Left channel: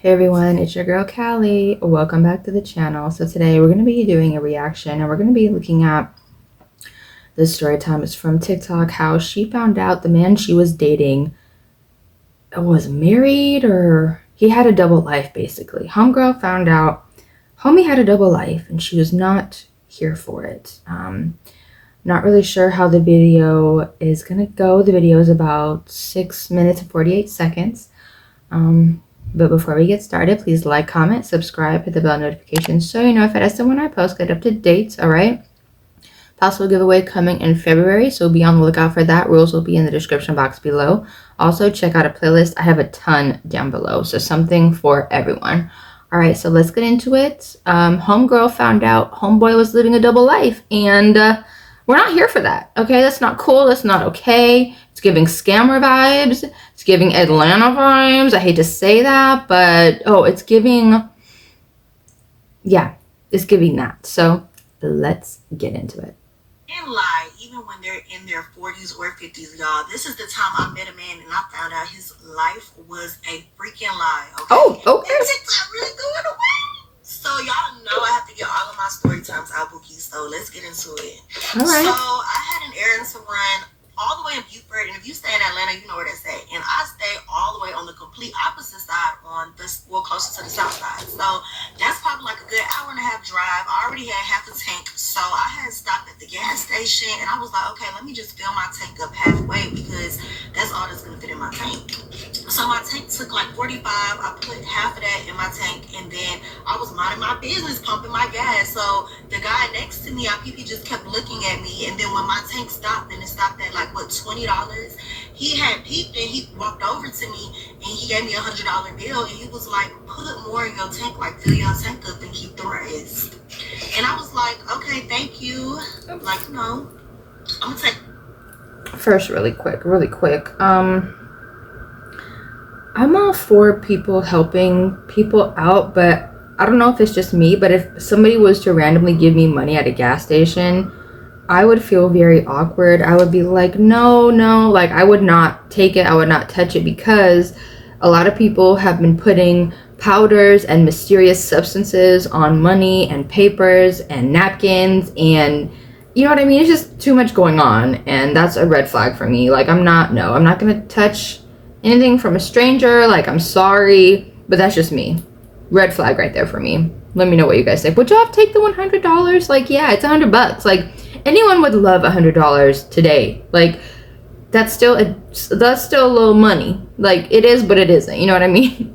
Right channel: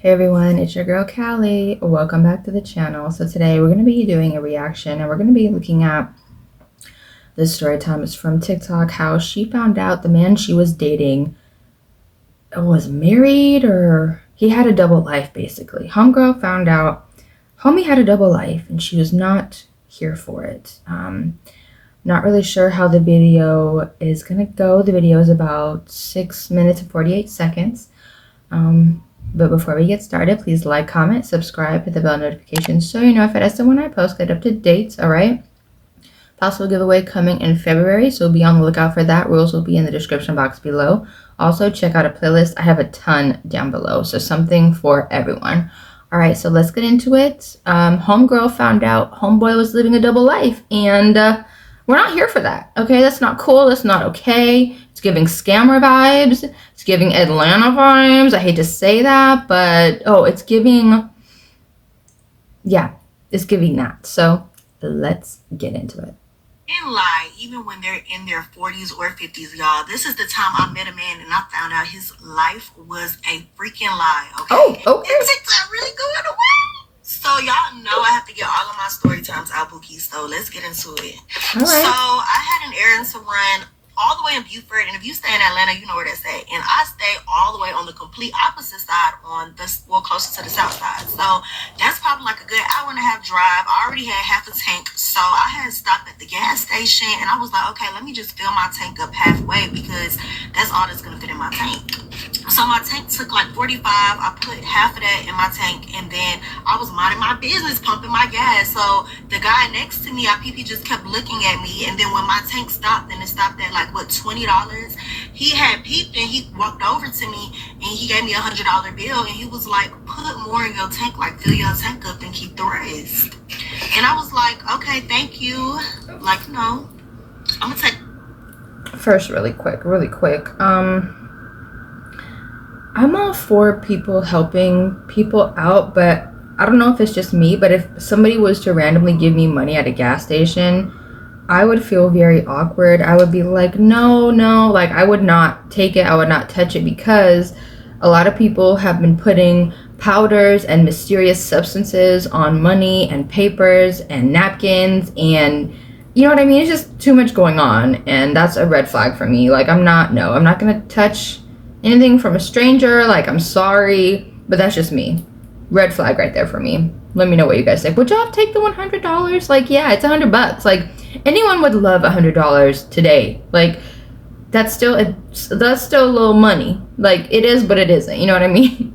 Hey everyone, it's your girl Callie. Welcome back to the channel. So today we're going to be doing a reaction and we're going to be looking at this story time. It's from TikTok, how she found out the man she was dating was married, or he had a double life basically. Homegirl found out homie had a double life and she was not here for it. Not really sure how the video is going to go. The video is about 6 minutes and 48 seconds. But before we get started, please like, comment, subscribe, hit the bell notification so you know if it is when I post, get up to date, all right? Possible giveaway coming in February, so be on the lookout for that. Rules will be in the description box below. Also, check out a playlist. I have a ton down below, so something for everyone. All right, so let's get into it. Homegirl found out homeboy was living a double life, and we're not here for that, okay? That's not cool. That's not okay. It's giving scammer vibes. It's giving Atlanta vibes. I hate to say that, but it's giving, yeah, it's giving that. So let's get into it. And lie, even when they're in their 40s or 50s, y'all. This is the time I met a man and I found out his life was a freaking lie, okay? Oh, okay. And TikTok really going away. So y'all know I have to get all of my story times out, Bookie. So let's get into it. All right. So I had an errand to run all the way in Beaufort, and if you stay in Atlanta, you know where that's at. And I stay all the way on the complete opposite side, closer to the south side. So that's probably like a good hour and a half drive. I already had half a tank, so I had stopped at the gas station, and I was like, okay, let me just fill my tank up halfway because that's all that's gonna fit in my tank. So my tank took like 45. I put half of that in my tank, and then I was minding my business, pumping my gas. So the guy next to me, he just kept looking at me, and then when my tank stopped, and it stopped at like $20, he had peeped and he walked over to me and he gave me $100 bill, and he was like, put more in your tank, like fill your tank up and keep the rest. And I was like, okay, thank you. Like, no, I'm gonna take. First, really quick. I'm all for people helping people out, but I don't know if it's just me, but if somebody was to randomly give me money at a gas station, I would feel very awkward. I would be like, no, like I would not take it. I would not touch it, because a lot of people have been putting powders and mysterious substances on money and papers and napkins, and you know what I mean? It's just too much going on, and that's a red flag for me. Like I'm not gonna touch anything from a stranger. Like, I'm sorry, but that's just me. Red flag right there for me. Let me know what you guys think. Would y'all take the $100? Like, yeah, it's $100. Like, anyone would love $100 today. Like, that's still a little money. Like, it is, but it isn't. You know what I mean?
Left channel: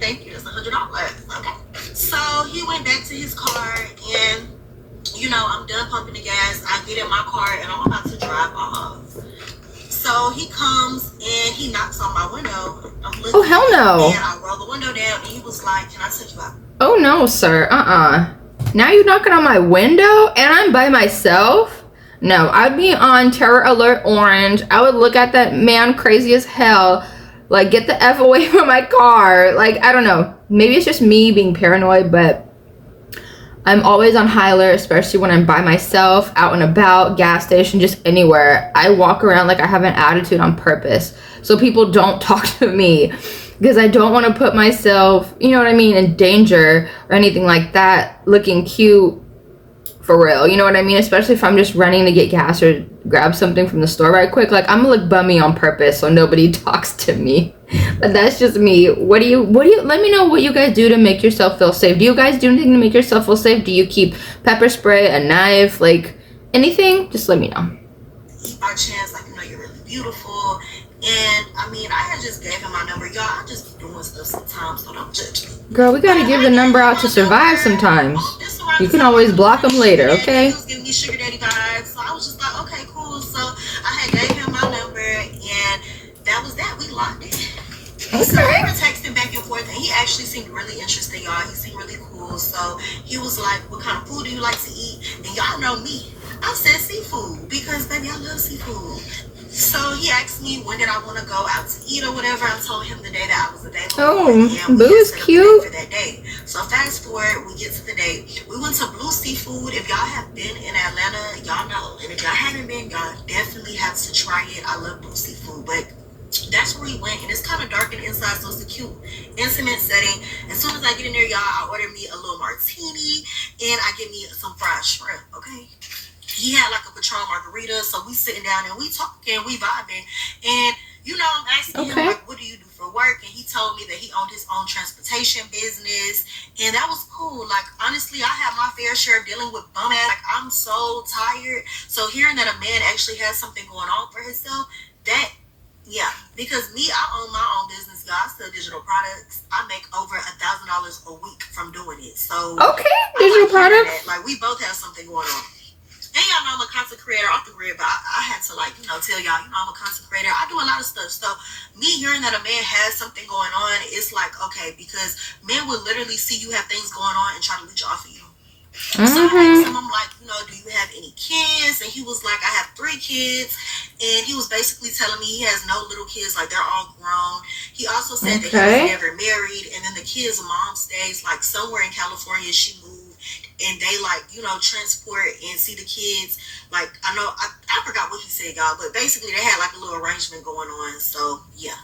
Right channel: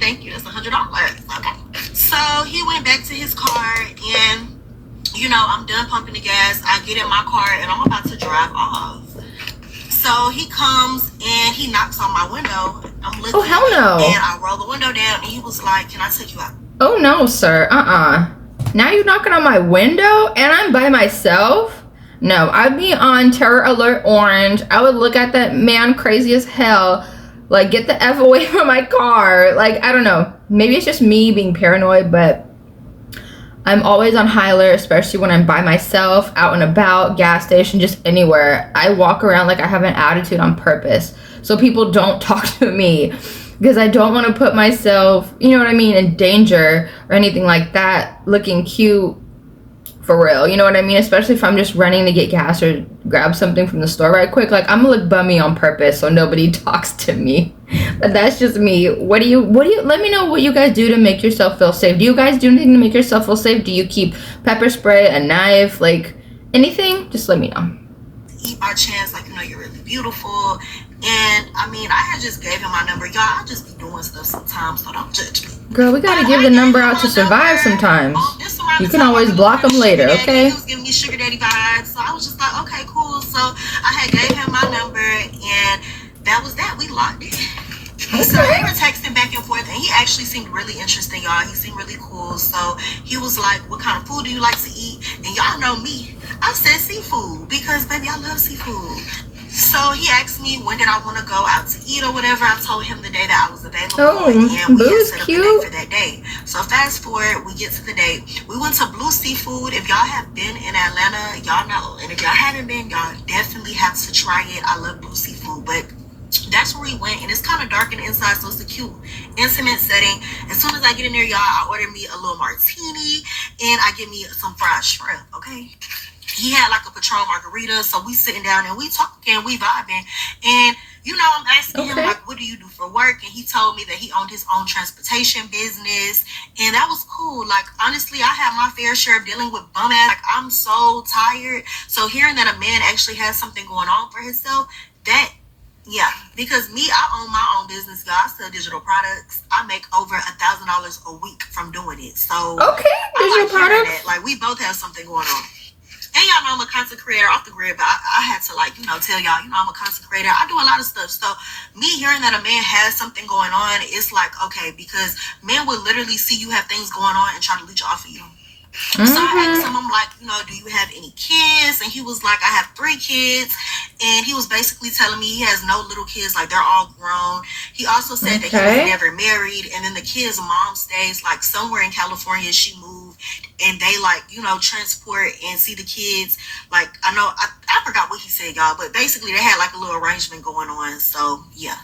Thank you. That's $100. Okay. So he went back to his car, and you know, I'm done pumping the gas. I get in my car and I'm about to drive off. So he comes and he knocks on my window. I'm looking, oh, hell no. And I roll the window down, and he was like, can I take you out? Oh, no, sir. Now you're knocking on my window and I'm by myself? No, I'd be on terror alert orange. I would look at that man crazy as hell. Like, get the F away from my car. Like, I don't know. Maybe it's just me being paranoid, but I'm always on high alert, especially when I'm by myself, out and about, gas station, just anywhere. I walk around like I have an attitude on purpose, so people don't talk to me, because I don't want to put myself, you know what I mean, in danger or anything like that, looking cute for real, you know what I mean? Especially if I'm just running to get gas or grab something from the store right quick. Like, I'm gonna look bummy on purpose so nobody talks to me. But that's just me. What do you let me know what you guys do to make yourself feel safe. Do you guys do anything to make yourself feel safe? Do you keep pepper spray, a knife, like anything? Just let me know. Eat by chance, like, you know, you're really beautiful. And I mean, I had just gave him my number. Y'all, I just be doing stuff sometimes, so don't judge me. Girl, we gotta give the number out to survive sometimes. You can always block them later, okay? He was giving me sugar daddy vibes, so I was just like, okay, cool. So I had gave him my number, and that was that. We locked it. Okay. So we were texting back and forth, and he actually seemed really interesting, y'all. He seemed really cool. So he was like, what kind of food do you like to eat? And y'all know me. I said seafood, because baby, I love seafood. So he asked me when did I want to go out to eat or whatever. I told him the day that I was available. Oh, Boo's cute. For that day. So fast forward, we get to the day. We went to Blue Seafood. If y'all have been in Atlanta, y'all know. And if y'all haven't been, y'all definitely have to try it. I love Blue Seafood, but That's where we went, and it's kind of dark in the inside, so it's a cute, intimate setting. As soon as I get in there, y'all, I order me a little martini, and I get me some fried shrimp, okay? He had like a Patron margarita, so we sitting down and we talking, we vibing, and you know, I'm asking him like, what do you do for work? And he told me that he owned his own transportation business, and that was cool. Like, honestly, I have my fair share of dealing with bum ass. Like, I'm so tired. So hearing that a man actually has something going on for himself, that, yeah, because me, I own my own business, y'all. I sell digital products. I make over $1,000 a week from doing it. So digital products. Like, we both have something going on. And y'all know I'm a content creator off the grid, but I had to, like, you know, tell y'all, you know, I'm a content creator. I do a lot of stuff. So me hearing that a man has something going on, it's like, okay, because men will literally see you have things going on and try to leech off of you. So I asked him, I'm like, you know, do you have any kids? And he was like, I have 3 kids. And he was basically telling me he has no little kids, like they're all grown. He also said that he was never married. And then the kid's mom stays like somewhere in California. She moved. And they, like, you know, transport and see the kids. Like, I know, I forgot what he said, y'all, but basically they had like a little arrangement going on. So, yeah.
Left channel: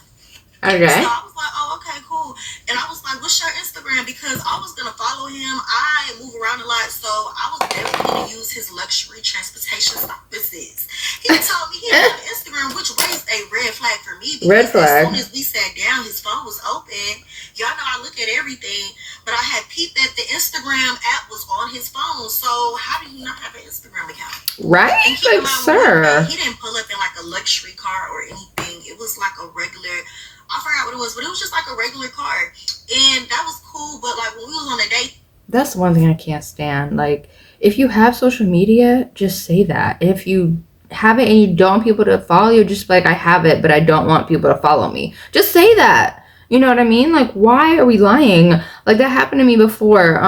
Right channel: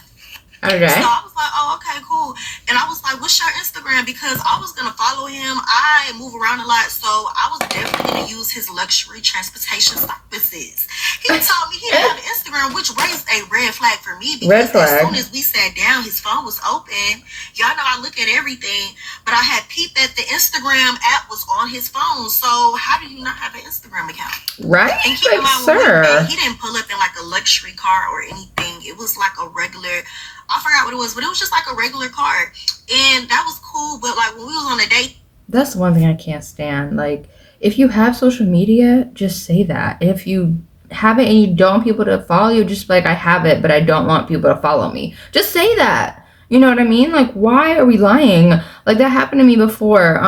Okay. So I was like, oh, okay, cool. And I was like, what's your Instagram? Because I was going to follow him. I move around a lot, so I was definitely going to use his luxury transportation services. He told me he had an Instagram, which raised a red flag for me. Because as soon as we sat down, his phone was open. Y'all know I look at everything, but I had peeped that the Instagram app was on his phone. So how do you not have an Instagram account? Right? And keep in mind, sir, he didn't pull up in like a luxury car or anything. It was like a regular, I forgot what it was, but it was just like a regular car. And that was cool. But like when we was on a date. That's one thing I can't stand. Like, if you have social media, just say that. If you have it and you don't want people to follow you, just like, I have it, but I don't want people to follow me. Just say that. You know what I mean? Like, why are we lying? Like, that happened to me before.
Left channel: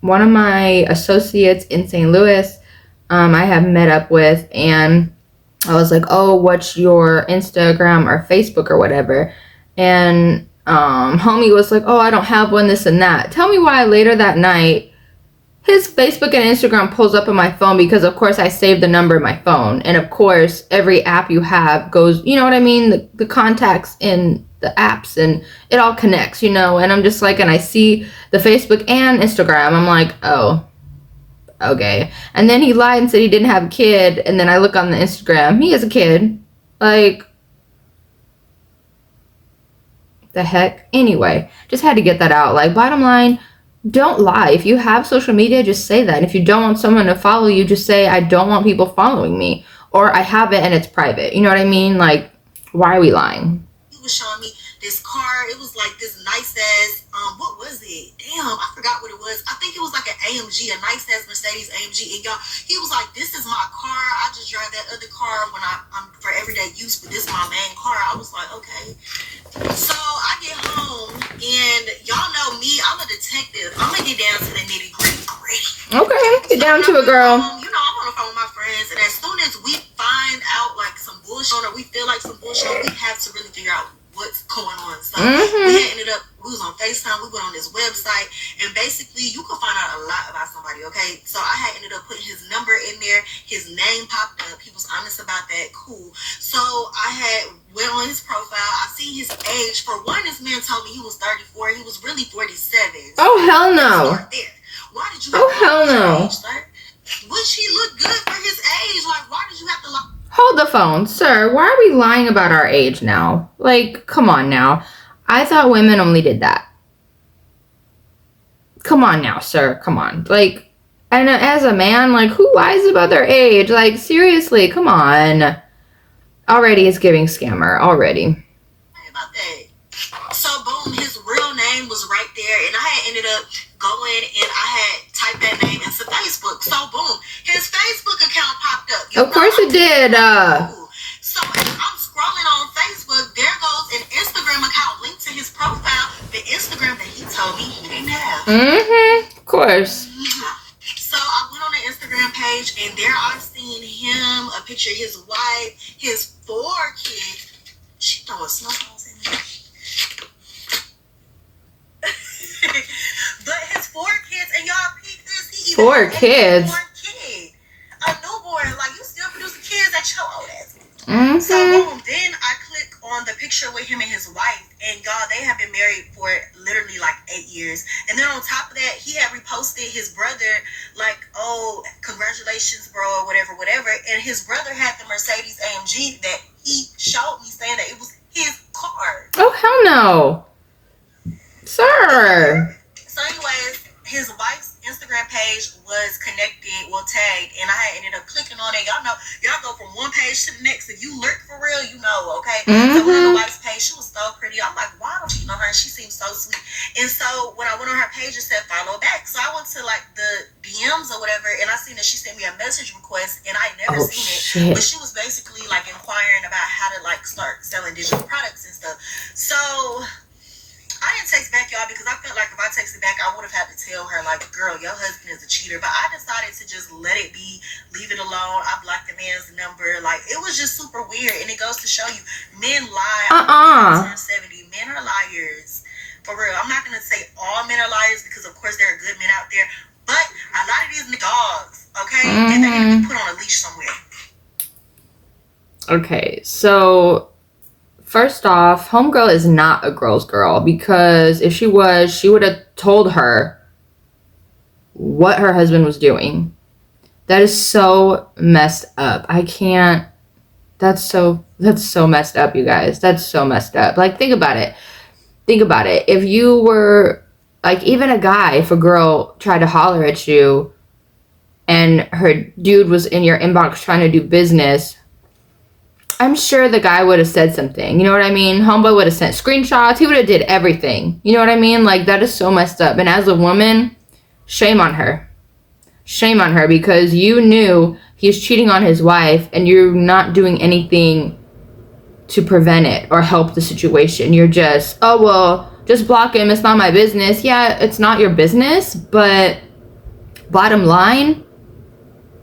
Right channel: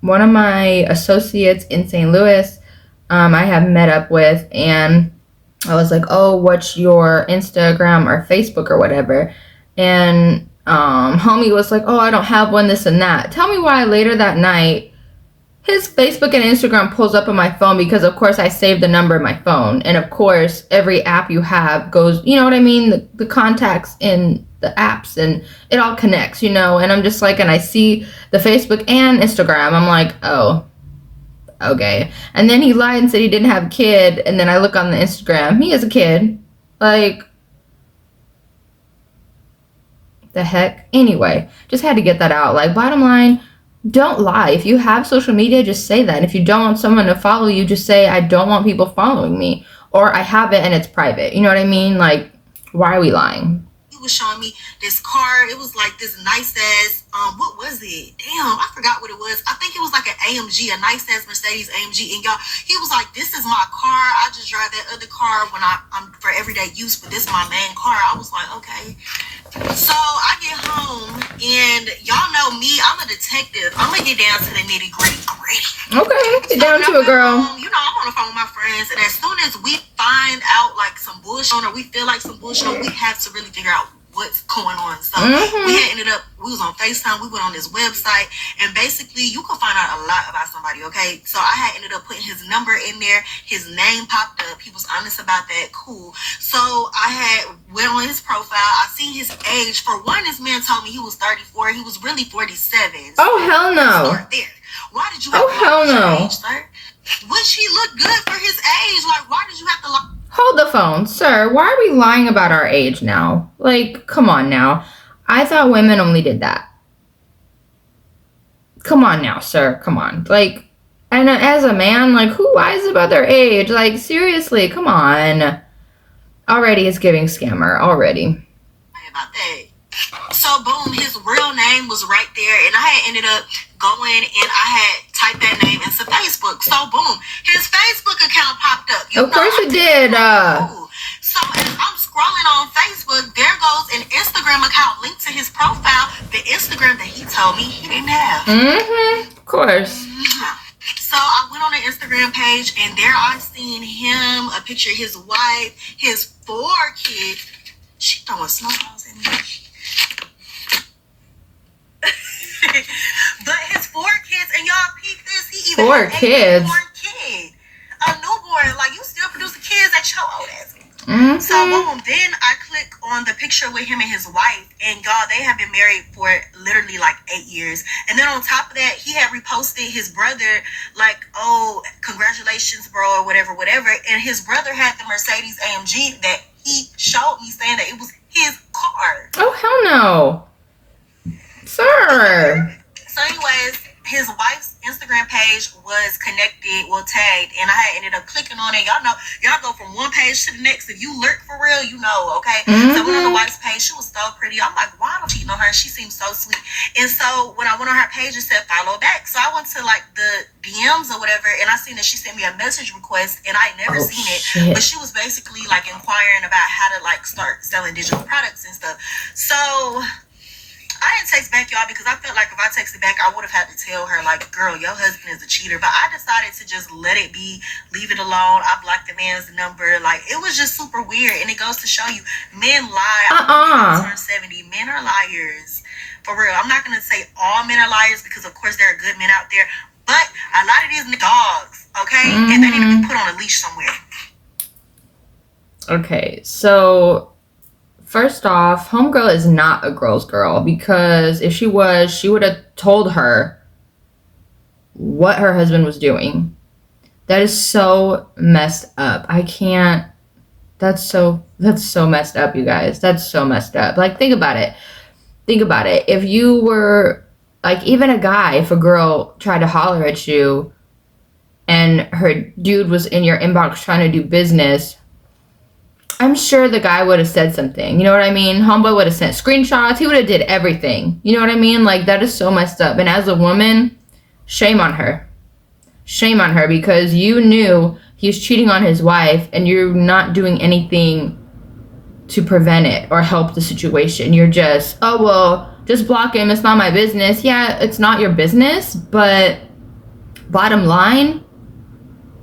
One of my associates in St. Louis, I have met up with, and I was like, oh, what's your Instagram or Facebook or whatever? And homie was like, oh, I don't have one, this and that. Tell me why later that night, his Facebook and Instagram pulls up on my phone, because of course I saved the number in my phone. And of course, every app you have goes, you know what I mean? The contacts in the apps, and it all connects, you know? And I'm just like, and I see the Facebook and Instagram. I'm like, oh, okay. And then he lied and said he didn't have a kid. And then I look on the Instagram, he has a kid. Like, the heck? Anyway, just had to get that out. Like, bottom line, don't lie. If you have social media, just say that. And if you don't want someone to follow you, just say, I don't want people following me. Or I have it and it's private. You know what I mean? Like, why are we lying? He was showing me this car. It was like this nice ass, what was it? Damn, I forgot what it was. I think it was like an AMG, a nice ass Mercedes AMG. And y'all, he was like, this is my car. I just drive that other car when I'm for everyday use, but this is my main car. I was like, okay. So I get home, and y'all know me, I'm a detective. I'm gonna get down to the nitty gritty. Okay, get down to it, girl. You know, I'm on the phone with my friends, and as soon as we find out like some bullshit, or we feel like some bullshit, we have to really figure out what's going on. So we had ended up, we was on FaceTime, we went on this website, and basically you could find out a lot about somebody, okay? So I had ended up putting his number in there, his name popped up, he was honest about that, cool. So I had went on his profile, I seen his age. For one, this man told me he was 34, he was really 47. Oh, hell no. Why did you have to age, sir? Which he looked good for his age, like why did you have to lie? Hold the phone, sir. Why are we lying about our age now? Like, come on now. I thought women only did that. Come on now, sir. Come on. Like, and as a man, like, who lies about their age? Like, seriously, come on. Already it's giving scammer. Already. About that. So, boom, his real name was right there. And I had ended up going and I had typed that name into Facebook. So, boom, his Facebook account popped up. Of course it did. So, as I'm scrolling on Facebook, there goes an Instagram account linked to his profile. The Instagram that he told me he didn't have. Of course. So, I went on the Instagram page and there I seen him, a picture of his wife, his 4 kids. She throwing snowballs at me. But his 4 kids, and y'all peep this, he even 4 kids. A newborn kid. A newborn, like you still producing kids at your old ass. So boom, then I click on the picture with him and his wife, and y'all, they have been married for literally like 8 years. And then on top of that, he had reposted his brother like, oh, congratulations, bro, or whatever. And his brother had the Mercedes AMG that he showed me, saying that it was his car. Oh, hell no. Sir. So anyways, his wife's Instagram page was connected, tagged, and I ended up clicking on it. Y'all know, y'all go from one page to the next. If you lurk for real, you know, okay? So I went on the wife's page. She was so pretty. I'm like, why don't you cheating on her? She seems so sweet. And so when I went on her page, it said follow back. So I went to like the DMs or whatever, and I seen that she sent me a message request, and I never seen it. Shit. But she was basically like inquiring about how to like start selling digital products and stuff. So I didn't text back, y'all, because I felt like if I texted back, I would have had to tell her, like, girl, your husband is a cheater. But I decided to just let it be, leave it alone. I blocked the man's number. Like, it was just super weird. And it goes to show you, men lie. Turn 70. Men are liars. For real. I'm not going to say all men are liars because, of course, there are good men out there. But a lot of these dogs, okay? And they need to be put on a leash somewhere. Okay, so first off, homegirl is not a girl's girl, because if she was, she would have told her what her husband was doing. That is so messed up. I can't. That's so messed up, you guys. That's so messed up. Like, think about it. If you were, like, even a guy, if a girl tried to holler at you and her dude was in your inbox trying to do business, I'm sure the guy would have said something. You know what I mean? Homeboy would have sent screenshots. He would have did everything. You know what I mean? Like, that is so messed up. And as a woman, shame on her. Shame on her, because you knew he's cheating on his wife and you're not doing anything to prevent it or help the situation. You're just, oh, well, just block him. It's not my business. Yeah, it's not your business, but bottom line,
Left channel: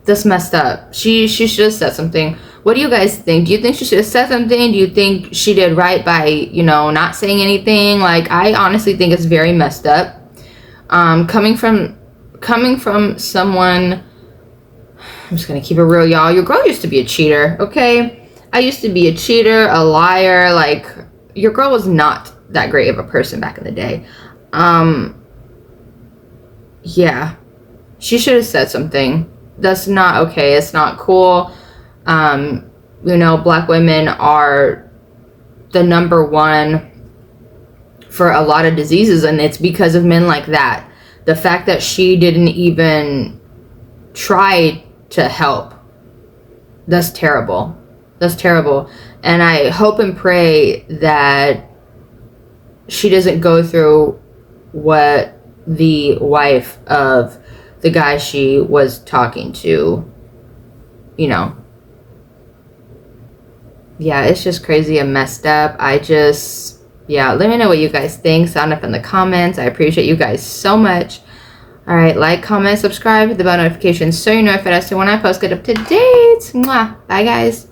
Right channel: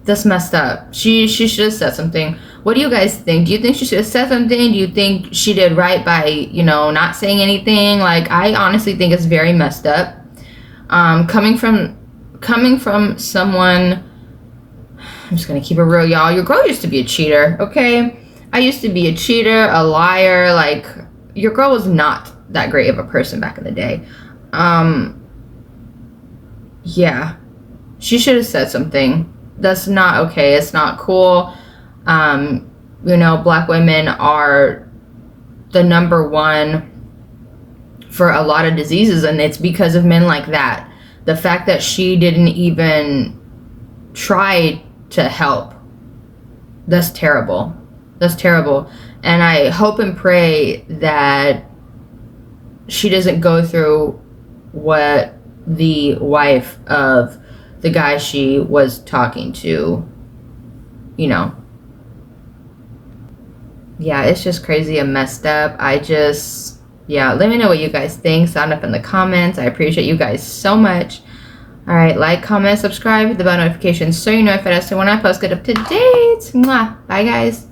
that's messed up. She should have said something. What do you guys think? Do you think she should have said something? Do you think she did right by, you know, not saying anything? Like, I honestly think it's very messed up. Coming from someone, I'm just gonna keep it real, y'all. Your girl used to be a cheater, okay? I used to be a cheater, a liar. Like, your girl was not that great of a person back in the day. Yeah, she should have said something. That's not okay. It's not cool. You know, black women are the number one for a lot of diseases, and it's because of men like that. The fact that she didn't even try to help, that's terrible. That's terrible. And I hope and pray that she doesn't go through what the wife of the guy she was talking to, you know. Yeah, it's just crazy and messed up. Yeah, let me know what you guys think. Sound up in the comments. I appreciate you guys so much. All right, like, comment, subscribe, hit the bell notifications so you know if it has to when I post. Get up to date. Mwah. Bye, guys.